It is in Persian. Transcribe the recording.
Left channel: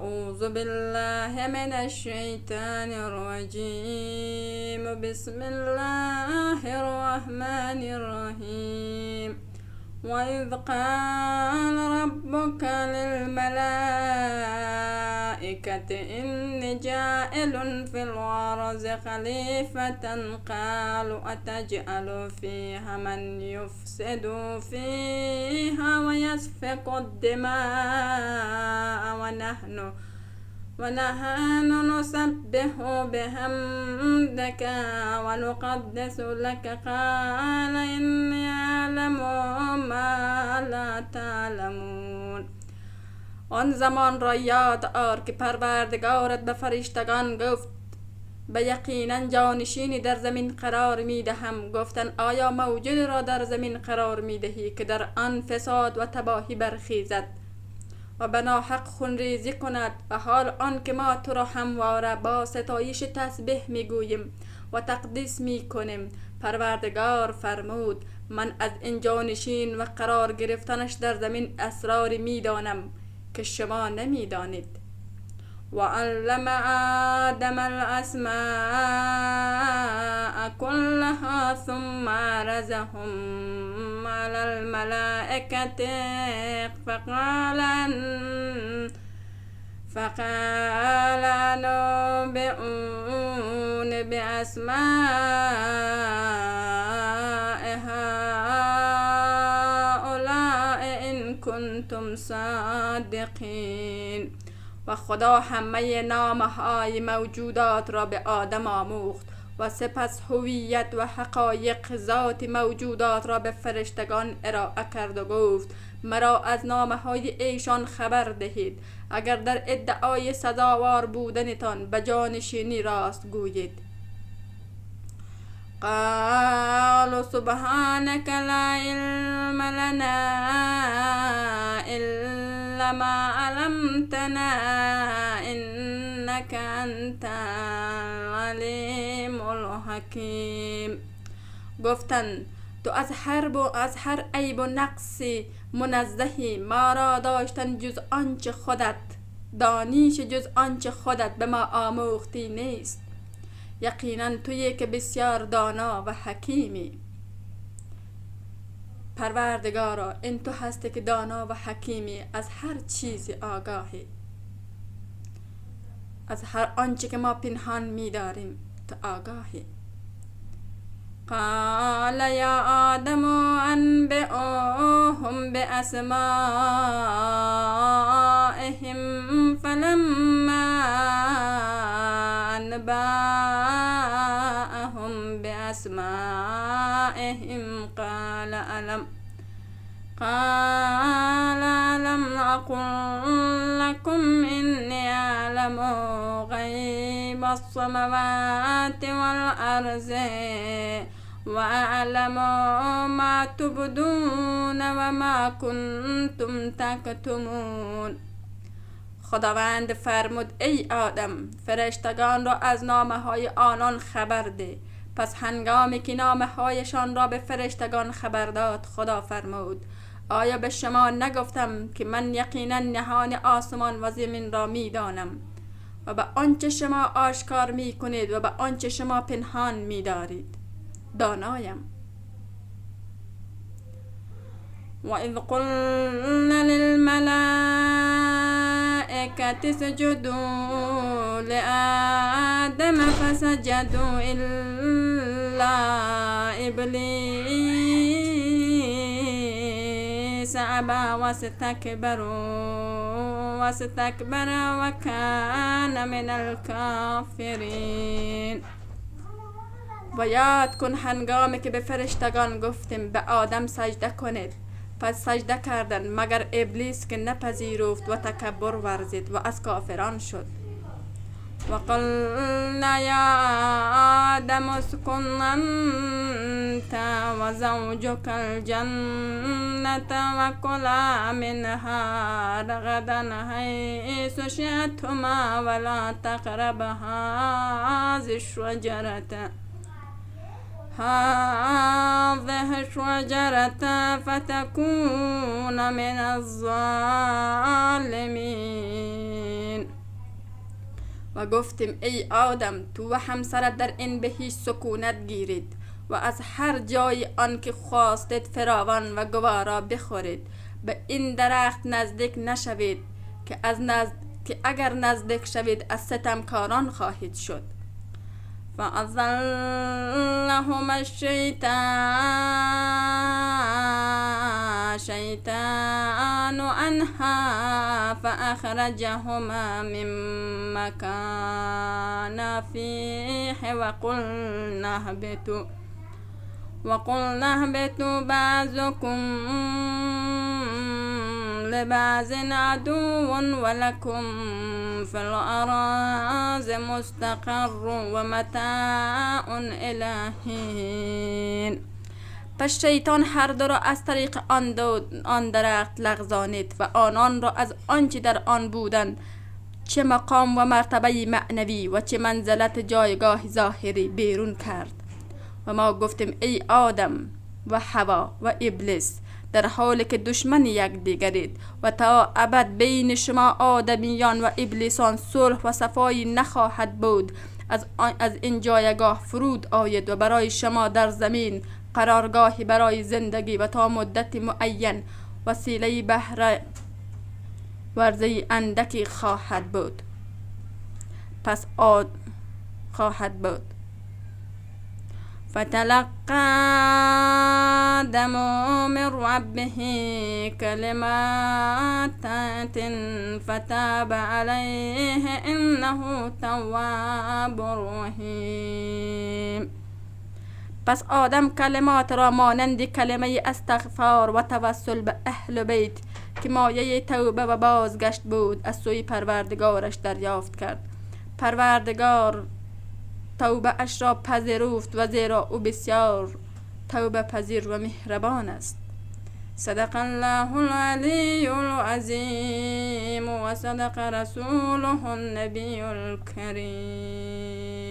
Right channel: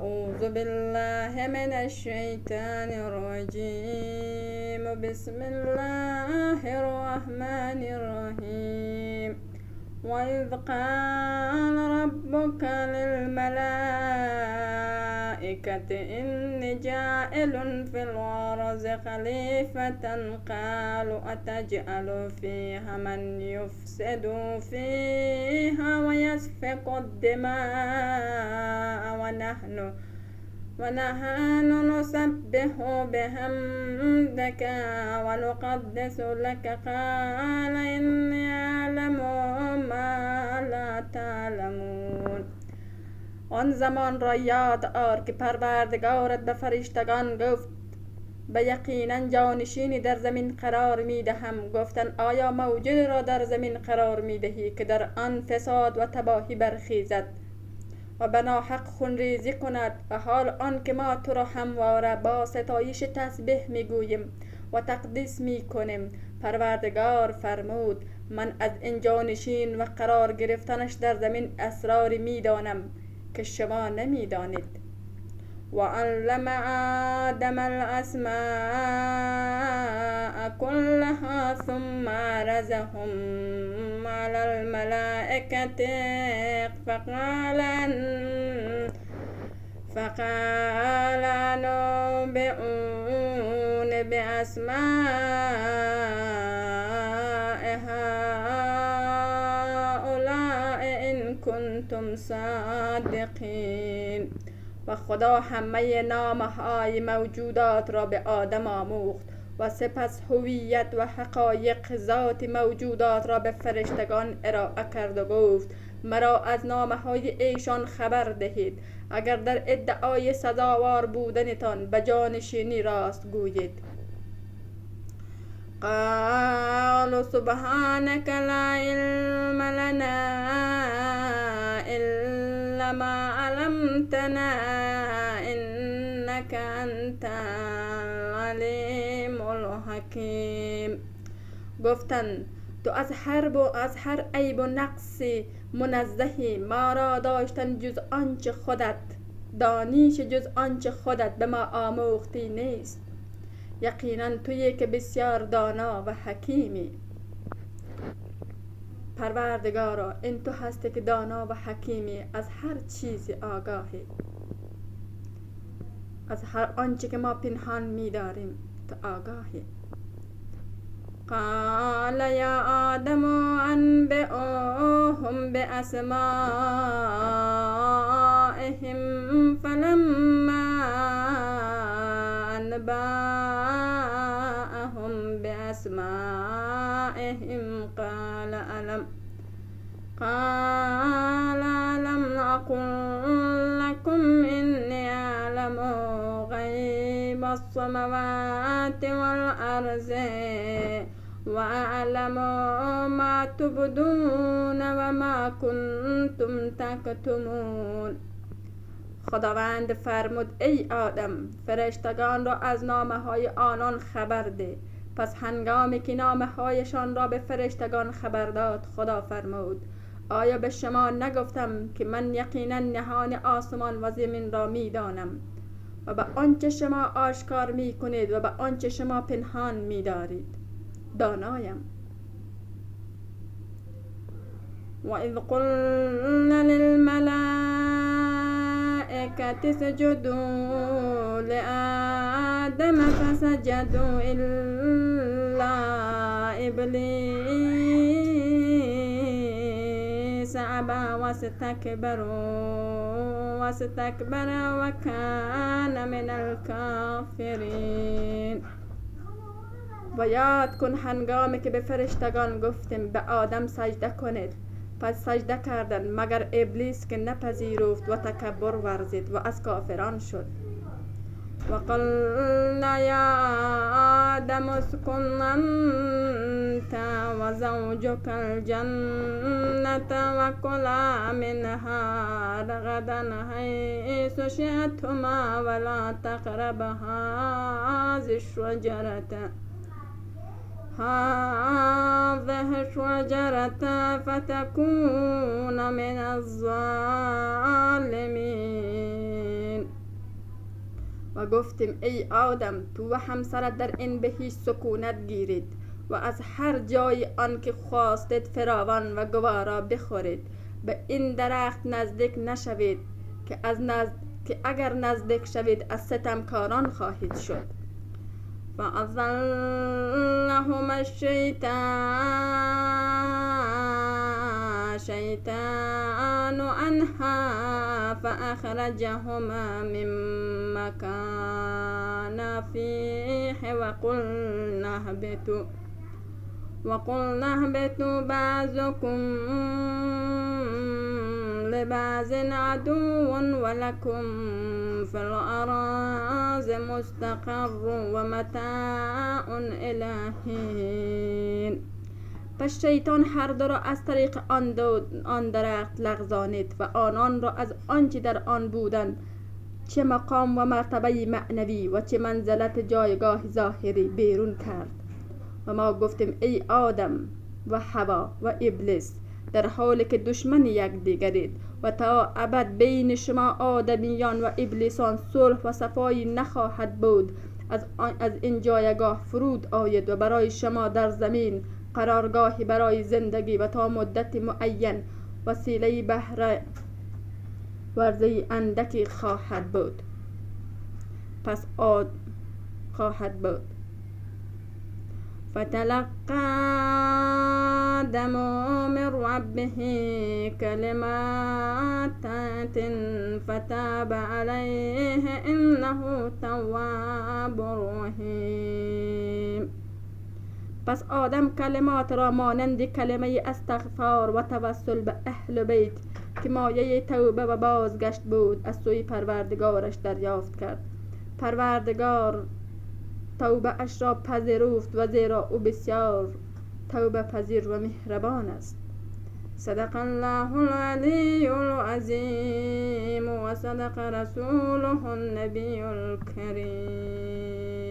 أعوذ بالله من الشيطان الرجيم. بسم الله الرحمن الرحيم. وإذ قال ربك للملائكة إني جاعل في الأرض خليفة قالوا أتجعل فيها من يفسد فيها ويسفك الدماء ونحن نسبح بحمدك ونقدس لك قال إني أعلم ما لا تعلمون. آن زمان را یاد آر که پروردگارت به فرشتگان گفت به یقینا جانشینی در زمین قرار می دهم. گفتند آیا موجودی را در زمین قرار می دهی که در آن فساد و تباهی برخیزد و به ناحق خونریزی کند، و حال آن که ما تو را همواره با ستایش تسبیح می گوییم و تقدیس می کنیم. پروردگار فرمود من از این جانشین و قرار گرفتنش در زمین اسراری می دانم که شما نمی دانید. و علم آدم الاسماء كلها ثم عرضهم على الملائكة فقال نبئوني بأسماء هؤلاء إن كنتم صادقين. و خدا همه نامهای موجودات را به آدم آموخت و سپس هویت و حقایق ذات موجودات را به فرشتگان ارائه کرد و گفت مرا از نامهای ایشان خبر دهید اگر در ادعای سزاوار بودنتان به جانشینی راست گویید. قالوا سبحانك لا علم لنا إلا ما علمتنا إنك أنت العليم الحكيم. گفتند تو از هر عیب و نقصی منزهی، ما را داشتن جز آنچه خودت دانیش جز آنچه خودت به ما آموختی نیست. یقینا تویی که بسیار دانا و حکیمی. پروردگارا این تو هستی که دانا و حکیمی، از هر چیزی آگاهی، از هر آنچه که ما پنهان می داریم تو آگاهی. قال یا آدم انبئوهم بأسمائهم فلما أنبأهم بأسمائهم قال ألم أقل لكم إني أعلم غيب السماوات والأرض وأعلم ما تبدون وما كنتم تكتمون. خداوند فرمود ای آدم فرشتگان را از نامه های آنان خبر ده. پس هنگامی که نامه هایشان را به فرشتگان خبر داد خدا فرمود آیا به شما نگفتم که من یقینا نهان آسمان و زمین را می دانم و به آنچه شما آشکار می کنید و به آنچه شما پنهان می دارید دانایم. و اذ قلنا للملائكة اسجدوا لآدم فسجدوا إلا إبليس أبى واستكبر وكان من الكافرين. و یاد کن هنگامی که به فرشتگان گفتیم به آدم سجده کنید، پس سجده کردند مگر ابلیس که نپذیرفت و تکبر ورزید و از کافران شد. و قلنا یا آدم اسکن انت و زوجک الجنة و کلا منها رغدا حیث شئتما ولا تقربا هذه الشجرة فتكون من الظالمين. و گفتیم ای آدم تو و همسرت در این بهشت سکونت گیرید و از هر جای آن که خواستید فراوان و گوارا بخورید. به این درخت نزدیک نشوید که اگر نزدیک شوید از ستمکاران خواهید شد. فأزلهما الشیطان عنها فأخرجهما مما كانا فيه وقلنا اهبطوا بعضكم لبعض عدو ولكم في الأراض مستقر ومتاع إلی حین. پس شیطان هر دو را از طریق آن درخت لغزانید و آنان را از آنچه در آن بودند، چه مقام و مرتبه معنوی و چه منزلت جایگاه ظاهری، بیرون کرد. و ما گفتیم ای آدم و حوا و ابلیس، در حالی که دشمن یکدیگرید و تا ابد بین شما آدمیان و ابلیسان صلح و صفایی نخواهد بود، از این جایگاه فرود آید و برای شما در زمین قرارگاهی برای زندگی و تا مدت معین وسیله بهره ورزی اندکی خواهد بود. فتلقى آدم من ربه كلمات فتاب عليه إنه تواب رحیم. پس آدم کلمات را مانند کلمه استغفار و توسل به اهل بیت که مایه توبه و بازگشت بود از سوی پروردگارش دریافت کرد. پروردگار توبه اش را پذیرفت و زیرا او بسیار توبه پذیر و مهربان است. صدق الله العلی العظیم و صدق رسوله النبی الکریم.